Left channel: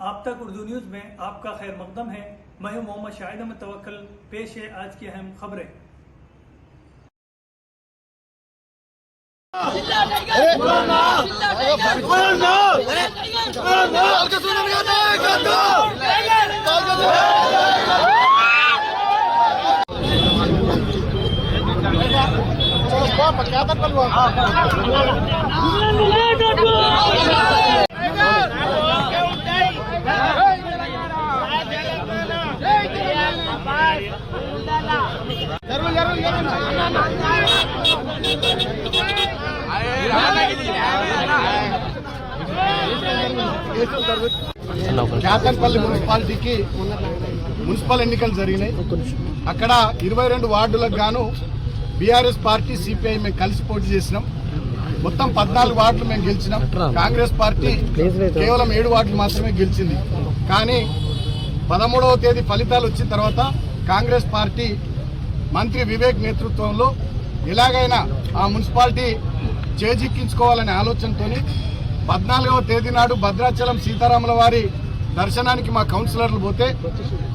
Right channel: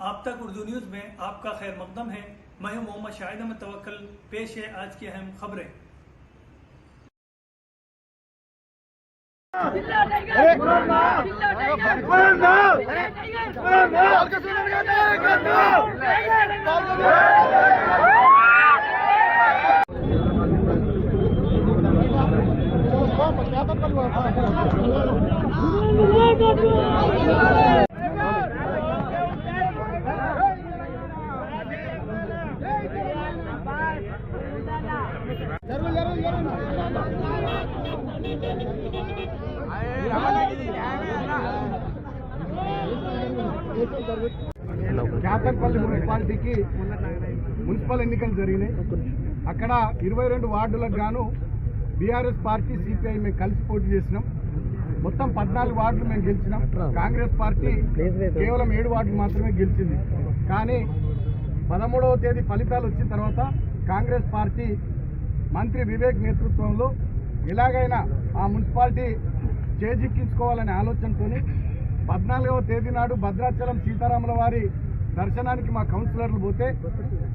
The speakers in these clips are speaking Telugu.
आप तक उर्दू न्यूज में आपका खैर मकदम है। मैं हूं मोहम्मद शाहिद अहमद तवक्कल। पेश है आज की अहम खबरें। కేతన్పల్లి మున్సిపాలిటీకి మున్సిపల్ ఎన్నికలు జరిగినాయి. అక్కడ 22 వార్డులకు గాను బీఆర్ఎస్ పార్టీ సిపిఐ మేము కలిసి పోటీ చేసినాం. మొత్తం 14 వార్డులు మేము గెలిచినాం. కాంగ్రెస్ పార్టీ కేవలం 7 వార్డులు మాత్రమే గెలిచింది. కానీ 13వ తేదీ ఫలితాలు వచ్చిన తర్వాత కాంగ్రెస్ పార్టీ మంత్రి వివేక్ నేతృత్వంలో ఎలాగైనా ఆ మున్సిపాలిటీ చేజిక్కించుకోవాలనే ఆలోచనతో 14వ తేదీ నాడు భద్రాచలం సీతారాముల వారి దర్శనానికి మా కౌన్సిలర్లు పోతే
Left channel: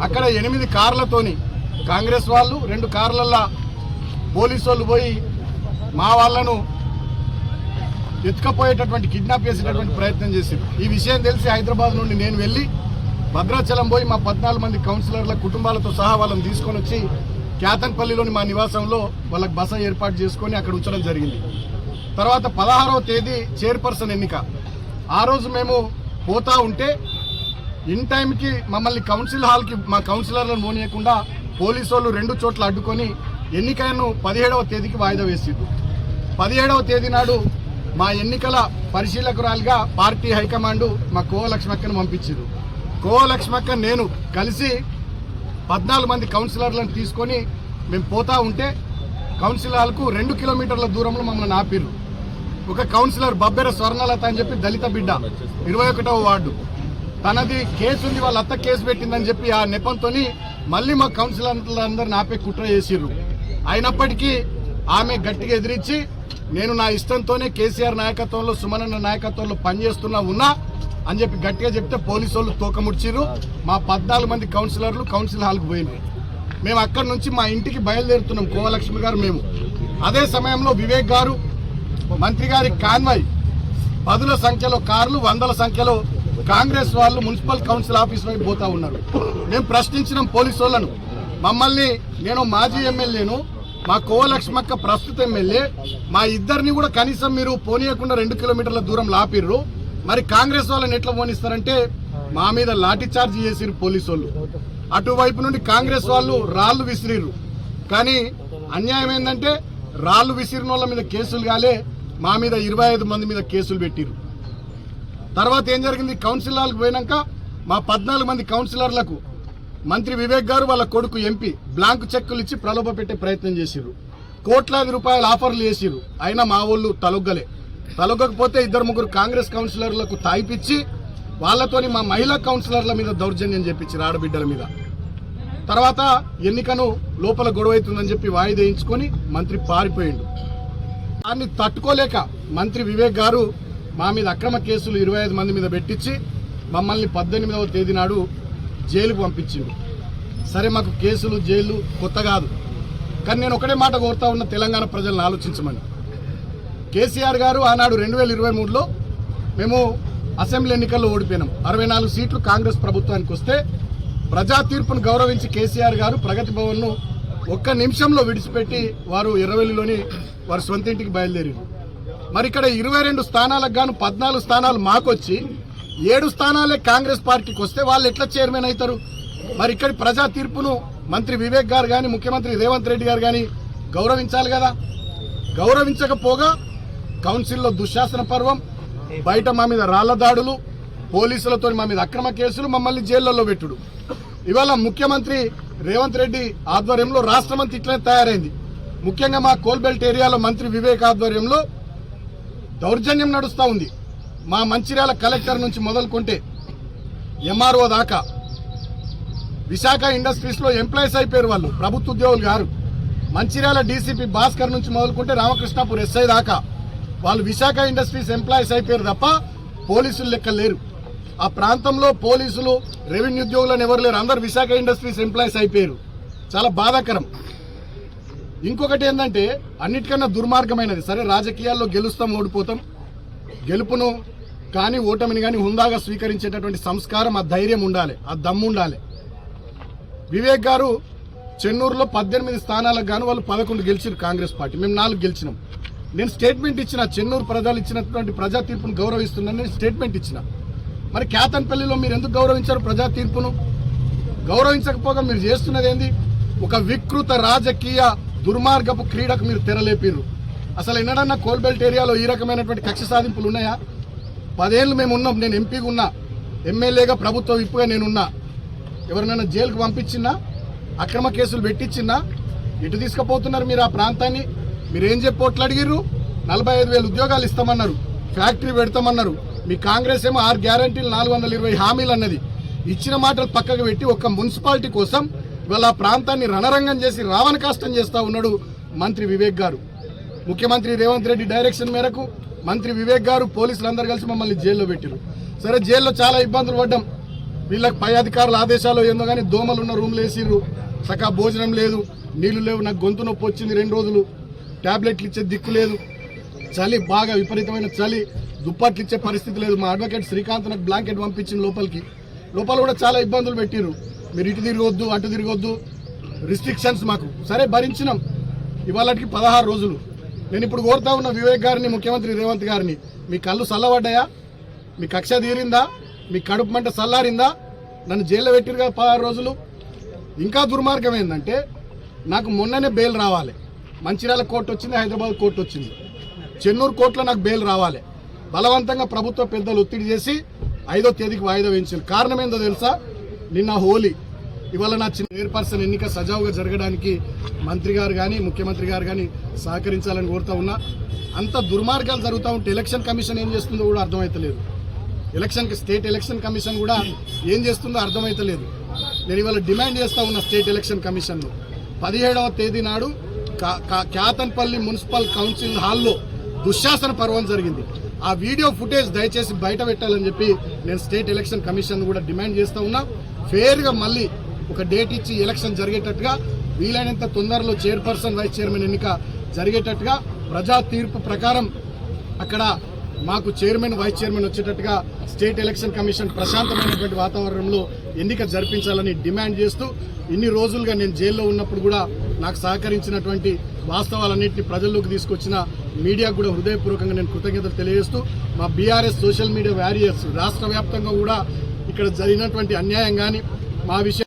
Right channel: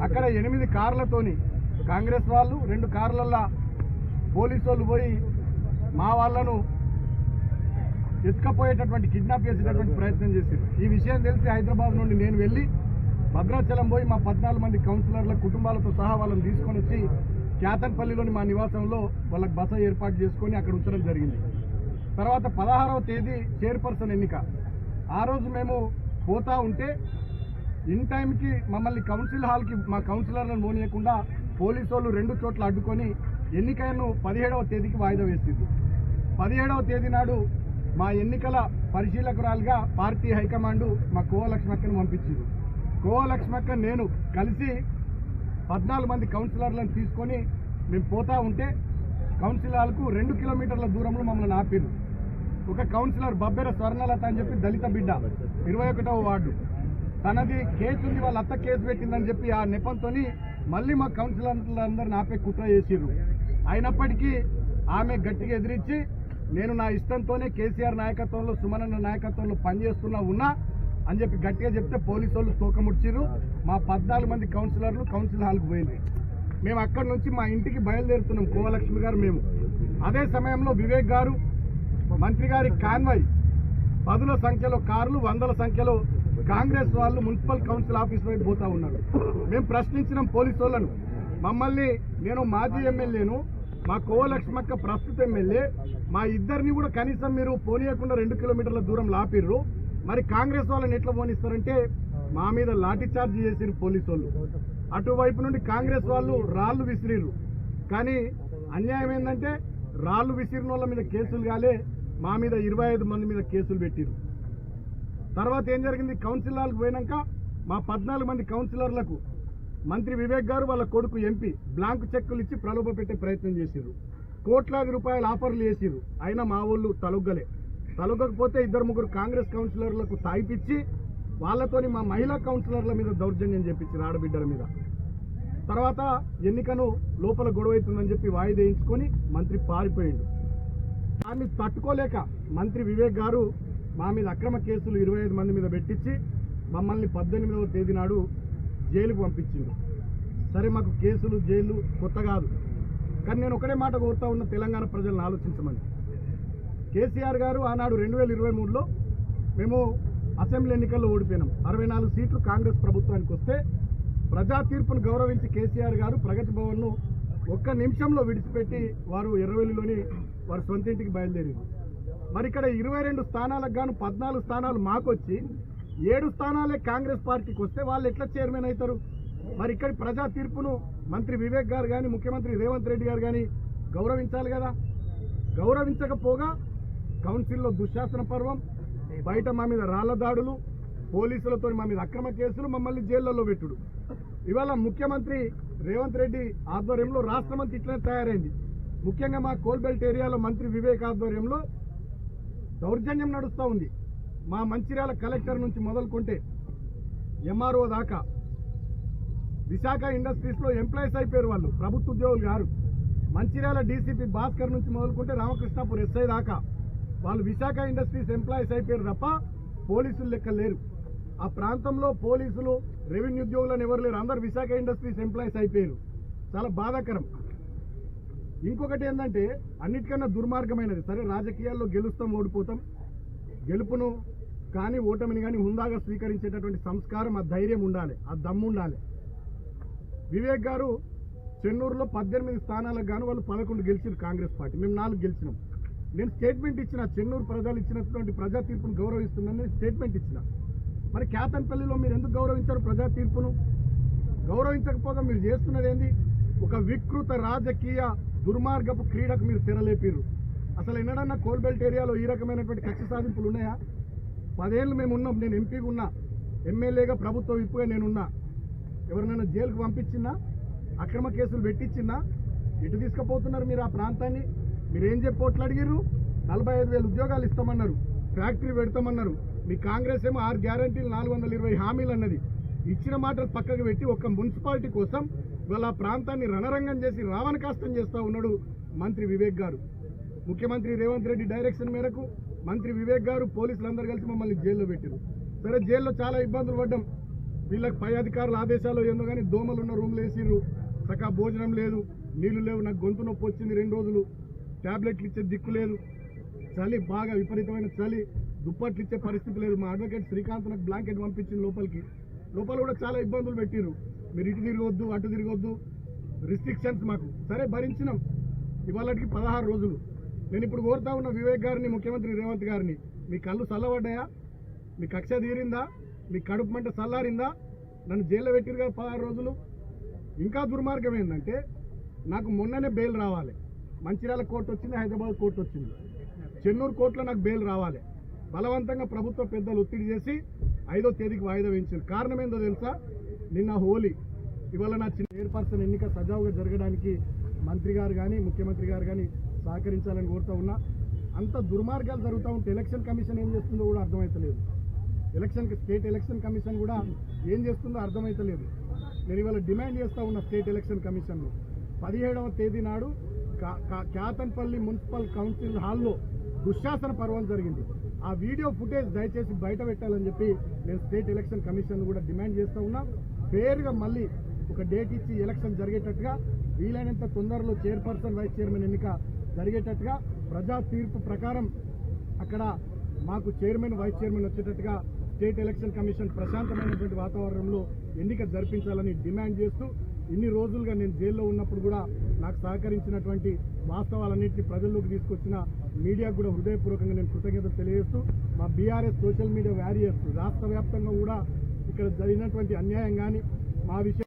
అక్కడ 8 కార్లతోని కాంగ్రెస్ వాళ్ళు 2 కార్లల్లో పోలీసు వాళ్ళు పోయి మా వాళ్ళను ఎత్తుకపోయేటటువంటి కిడ్నాప్ చేసేటటువంటి ప్రయత్నం చేశారు. ఈ విషయం తెలిసి హైదరాబాద్ నుండి నేను వెళ్ళి భద్రాచలం పోయి మా 14 మంది కౌన్సిలర్ల కుటుంబాలతో సహా వాళ్ళని తీసుకొని వచ్చి కేతన్పల్లిలోని మా నివాసంలో వాళ్ళకి బస ఏర్పాటు చేసుకొని అక్కడ ఉంచడం జరిగింది. తర్వాత 16వ తేదీ చైర్పర్సన్ ఎన్నిక. ఆ రోజు మేము పోతా ఉంటే ఇన్ టైంకి మమ్మల్ని కౌన్సిల్ హాల్కి మా కౌన్సిలర్లను పోనీయకుండా పోలీసు వాళ్ళు 2 చోట్ల అడ్డుకొని ఎన్నికలను 17వ తేదీకి వాయిదా వేసింది. 17వ తేదీ నాడు మా ఎన్నికల పరిశీలకురాలిగా పార్టీ హైకమాండ్ మా కోవ లక్ష్మక్కను పంపించారు. కోవ లక్ష్మక్క నేను కలిసి 14 మంది కౌన్సిలర్లను తీసుకొని మేము పోతా ఉంటే కౌన్సిల్ హాల్కు 2 కిలోమీటర్ల దూరంలో మమ్మల్ని ఆపిరు. ఒక కౌన్సిలర్ బబ్బెర స్వర్ణలత అని చెప్పి దళిత బిడ్డ 21వ వార్డు, తనది కేసు ఉంది, వాళ్ళ అత్త కేసు పెట్టిందని చెప్పి ఆ నెపంతో మళ్ళీ మా కౌన్సిలర్లందరిని ఆపే కుట్ర చేసిర్రు. అయినప్పటికీ ఆమె గట్టిగా ఎదిరించి నేను నా ఇష్టంతోనే కేసీఆర్ నాయకత్వంలో సుమనన్న నాయకత్వంలో పనిచేస్తున్నా ఉన్నా అని చెప్పి గట్టిగా చెప్తే పోలీసు వాళ్ళు తోకముడ్చిర్రు. మా 14 మంది కౌన్సిలర్లు కౌన్సిల్ హాల్కు పోయినారు. మేము అక్కడి నుంచి మా ఇంటికి బయలుదేరుతున్నాం కోవలక్ష్మి గారు మేము. అదే సమయంలో వివేక్ గారు మంత్రి గారి కాన్వాయ్ 10ల సంఖ్యలో కార్లు 100ల సంఖ్యలో కాంగ్రెస్ వాళ్ళు మున్సిపల్ కౌన్సిల్ ఆఫీస్ వైపు పోతా ఉన్నారు. మేము ప్రశ్నించినాం పోలీసు వాళ్ళను. మమ్మల్ని, నేను మాజీ ఎమ్మెల్యేను, మా కోవలక్ష్మక్క ప్రస్తుత ఎమ్మెల్యే, మా ఇద్దరిని కూడా కనీసం మీరు పోనీయకుండా 2 కిలోమీటర్ల దూరం లాపిర్రు. మరి కాంగ్రెస్ వాళ్ళని ఎట్లా పోనిస్తారంటే మా మీద లాఠీ చార్జ్ చేసిర్రు పోలీసు వాళ్ళు. అటువైపు నుండి కాంగ్రెస్ వాళ్ళు రాళ్లు విసిరిర్రు. కానీ అన్యాయం ఏంటంటే రాళ్లు విసిరిన వాళ్ళ మీద కేసులు కాలే, మా మీద 25 మంది మీద కేసులు పెట్టిర్రు. తర్వాత ఏం జరిగింది, కౌన్సిల్ హాల్కి పోయినాక మా 14 మంది కౌన్సిలర్లకు మంత్రి వివేక్ గారు వాళ్ళ కొడుకు ఎంపీ బ్లాంక్ చెక్కులు ఇచ్చి ప్రలోభ పెట్టే ప్రయత్నం చేసిర్రు. కోట్లాది రూపాయల ఆఫర్లు చేసిర్రు. అయినా మా వాళ్ళు తలొగ్గకపోతే 2-3 కాంగ్రెస్ కౌన్సిలర్లకు తాయిపిచ్చి వాళ్ళతోని మా మహిళా కౌన్సిలర్ల మీద దౌర్జన్యం చేపించారు, ఆడబిడ్డల మీద. తర్వాత ఎన్నికను లోపల గొడవైతుందని చెప్పి వాయిదేయించుకొని మంత్రి పారిపోయిండు. దాన్ని తట్టుకోలేక మంత్రి వివేక్ గారు మా మీద అక్రమ కేసులు 25 మంది మీద పెట్టించి మమ్మల్ని 18వ తేదీ నాడు జైలుకు పంపించిండు. సరే, మాకు కేసులు జైలు కొత్త కాదు. కానీ నేను ఒకటే మాట కోరుతా ఉన్న తెలంగాణ ప్రజలను ఆలోచించమని. కేసీఆర్ గారు ఆనాడు 2023లో మేము అసెంబ్లీ ఎన్నికల్లో ఓడిపోయినాం. 64 సీట్లు కాంగ్రెస్ ప్రభుత్వానికి వస్తే ప్రజా తీర్పును గౌరవించి కేసీఆర్ గారు ప్రగతి భవన్ను 1 నిమిషంలో విడిచిపెట్టి వారు ఎర్రవెల్లిలోని వారి సొంత ఇంటికి బయలుదేరారు. మరి ఇక్కడ 22 స్థానాలకు గాను 14 స్థానాలు మాకొచ్చి 7 స్థానాలే కాంగ్రెస్ పార్టీకి వస్తే వాళ్ళు ఎట్లా చైర్మన్ అవుతారు? మరి ఇక్కడ ప్రజా తీర్పును మంత్రి వివేక్ గారు కానీ ముఖ్యమంత్రి రేవంత్ రెడ్డి గారు కానీ గౌరవించాలి కదా. గౌరవించకపోగా కౌన్సిల్లో దుశ్శాసన పర్వం, బయట మా మీద రాళ్ల దాడులు, పోలీసులతో మా మీద అక్రమ కేసులు, మమ్మల్ని జైళ్లలో పెట్టుడు. ఇవాళ ముఖ్యమంత్రి రేవంత్ రెడ్డి ఆధ్వర్యంలో రాష్ట్రమంతా ఇట్లనే తయారైంది. ముఖ్యంగా మా కోల్బెల్ట్ ఏరియాలో మంత్రి వివేక్ ఆధ్వర్యంలో దౌర్జన్యం నడుస్తూ ఉంది. మా మంచిర్యాల కలెక్టర్ నుంచి మొదలుకుంటే ఎంఆర్ఓ దాకా విశాఖ ఇండస్ట్రీస్లో ఎంప్లాయీస్ అయిపోయారు వాళ్ళు, ప్రభుత్వ ఉద్యోగులు గారు. మంచిర్యాల డీసీపీ భాస్కర్ నుంచి మొదలుకుంటే రామకృష్ణాపూర్ ఎస్ఐ దాకా వాళ్ళు విశాఖ ఇండస్ట్రీస్ ఎంప్లాయీస్ అయిపోయారు తప్ప పోలీసులు లెక్క లేరు. ఆ ప్రాంతంలో పోలీసులు రెవెన్యూ ఉద్యోగులను ఎవరు లేరు, అందరు విశాఖ ఇండస్ట్రీస్ ఎంప్లాయీస్ అయిపోయారు. చాలా బాధాకరం. ఇంకొకటి ఏంటంటే అన్నిటికన్నా దుర్మార్గమైనది, సరే రాజకీయాల్లో గెలుస్తాం ఓడిపోతాం, గెలుపును కానీ ఓటమిని కానీ హుందాగా స్వీకరించేటటువంటి సంస్కారం, ఆ ధైర్యం ఉండాలి, ఆ దమ్ము ఉండాలి. వివేక్ గారు చెన్నూరులో 18 స్థానాలకు గాను వాళ్ళు 11 గెలిచారు కాంగ్రెస్ పార్టీ, మేము 4 గెలిచినాం. నేను స్టేట్మెంట్ ఇచ్చిన, చెన్నూరు ప్రజలు ఇచ్చినటువంటి ప్రజా తీర్పును గౌరవిస్తున్నాను నేను స్టేట్మెంట్ ఇచ్చిన. మరి కేతన్పల్లిలో మీరు ఎందుకు గౌరవించారు ప్రజా తీర్పును? గౌరవించకపోగా మీరు చేస్తున్నది ఏంది? ఒక వికృత రాజకీయ దుర్మార్గపు క్రీడకు మీరు తెరలేపిర్రు. అసలు ఎన్నడన్నా కోల్బెల్ట్ ఏరియాలో ఈ రకమైనటువంటి కక్ష సాధింపులు ఉన్నాయా? 10 ఏళ్ళు మేము ఉన్నాం, నేను ఎంపీగా ఉన్నా, ఎమ్మెల్యేగా ప్రభుత్వ విప్పుగా నేనున్నా. ఎవరినైనా జైలుకు పంపించినా, అక్రమ కేసులు పెట్టించినా, ఇటు తీసుకుపోతున్నారు మీరు ఆ ప్రాంతాన్ని. మీరేం చెప్పి ఓట్లు అడిగిర్రు? 45,000 ఉద్యోగాలు ఇస్తామన్నారు, ఫ్యాక్టరీ పెడతామన్నారు. మీ కాంగ్రెస్ ఏమో 6 గ్యారంటీలు 420 హామీలు అన్నది. ఇచ్చిన మాటలు పక్కకు పెట్టి ఒక్క మున్సిపాలిటీ కోసం ఇవాళ ఆ ప్రాంతాన్ని రణరంగం చేసి రావణ కష్టం చేస్తూ ఉన్నాడు మంత్రి వివేక్ గారు. ముఖ్యమంత్రి రేవంత్ రెడ్డి డైరెక్షన్ మేరకు మంత్రి వివేక్ గారు పోలీసులు అందరూ కలిసి మమ్మల్ని జైల్లో పెట్టారు. సరే జైల్లో చాలా ఇబ్బందులు పడ్డాం. వీళ్ళకి పై అధికారుల ఆదేశాలు ఏందో కానీ దోమలు ఉన్న రూమ్లు వేసిర్రు, సకా భోజనం లేదు, నీళ్లు లేవు, నాకు గొంతు నొప్పి వచ్చింది 2 రోజులు, ట్యాబ్లెట్లు ఇచ్చే దిక్కు లేదు, చలి బాగా విపరీతమైన చలి, దుప్పట్లు ఇచ్చే పరిస్థితి లేదు. మా అడ్వకేట్ శ్రీకాంత్ నాకు బ్లాంకెట్ పంపించింది లోపల కూడా చాలా ఇబ్బందులు పెట్టిర్రు. మీరు ఇటు తిరగొద్దు అటు తిరగొద్దు, రిస్ట్రిక్షన్స్ మాకు. సరే భరించినాం. ఇవాళకి 16 రోజులు. నేను ఇప్పుడు కోరుతా ఉన్న వివేక్ గారిని, ముఖ్యమంత్రి రేవంత్ గారిని, మీ కళ్ళు చల్లబడ్డాయా? మీ కక్ష తీరిందా? మీ కడుపు మంట చల్లారిందా? నన్ను జైల్లో పెట్టిరు కదా 16 రోజులు. ఇంకా దుర్మార్గం ఏంటంటే నాకు మొన్ననే బెయిల్ రావాలి. మంచిర్యాల కోర్టు వచ్చింది, హైదరాబాద్ కోర్టు వచ్చింది, చెన్నూరు కోర్టులో నాకు బెయిల్ రావాలి. బలవంతంగా ప్రభుత్వ పెద్దలు ఒత్తిడి చేసి 5వ తేదీకి వాయిదా వేయించారు. కారణం ఏందో తెలుసా? నిన్న హోలీ, ఇవాళ నా చిన్న చైర్పర్సన్ ఎన్నిక సజావుగా జరగడానికి మంత్రి గారు కానీ ముఖ్యమంత్రి గారు కానీ సహకరించాలని కోరుతా ఉన్నా. అంత దుర్మార్గాలు జరుగుతూ ఉంటే ఎలక్షన్ కమిషన్ ఏం చేస్తుందో కూడా అర్థమవుతలేదు. స్టేట్ ఎలక్షన్ కమిషన్ కూడా ఏం చేస్తుందో అర్థమవుతలేదు. నేను ఇవాళ డిమాండ్ చేస్తా ఉన్న స్టేట్ ఎలక్షన్ కమిషన్ను 17వ తేదీ నాడు కేతన్పల్లి మున్సిపల్ కౌన్సిల్ హాల్లో దుశ్శాసన పర్వం జరిగింది. ఆ వీడియో ఫుటేజ్ దయచేసి బయట పెట్టాలని చెప్పి నేను స్టేట్ ఎలక్షన్ కమిషన్ కూడా డిమాండ్ చేస్తూ ఉన్నా. ఫెయిర్గా మళ్ళీ ఒక డేట్ ఇచ్చి ఎలక్షన్ జరిగేటట్టుగా, వీలైనంత తొందరలో చైర్పర్సన్ వైస్ చైర్మన్ ఎన్నిక జరిగేటట్టుగా, ప్రజా తీర్పు ప్రకారం అక్కడ మాకు చైర్మన్ వైస్ చైర్మన్ వచ్చేటట్టుగా స్టేట్ ఎలక్షన్ కమిషన్ ప్రశాంతమైనటువంటి వాతావరణంలో ఎన్నిక జరిపించాలని డిమాండ్ చేస్తూ, ఇన్ని రోజులుగా నేను జైల్లో ఉన్నప్పుడు కూడా నాకు సహకరించినటువంటి వాస్తవాలన్నింటినీ ప్రజల్లోకి తీసుకొచ్చిన మీడియాకు కూడా హృదయపూర్వకంగా నేను కృతజ్ఞతలు తెలియజేస్తూ, మా బీఆర్ఎస్ సోషల్ మీడియా వారియర్స్ రాష్ట్ర వ్యాప్తంగా కూడా ఇక్కడ జరిగినటువంటి అన్యాయం కానీ, మా విషయం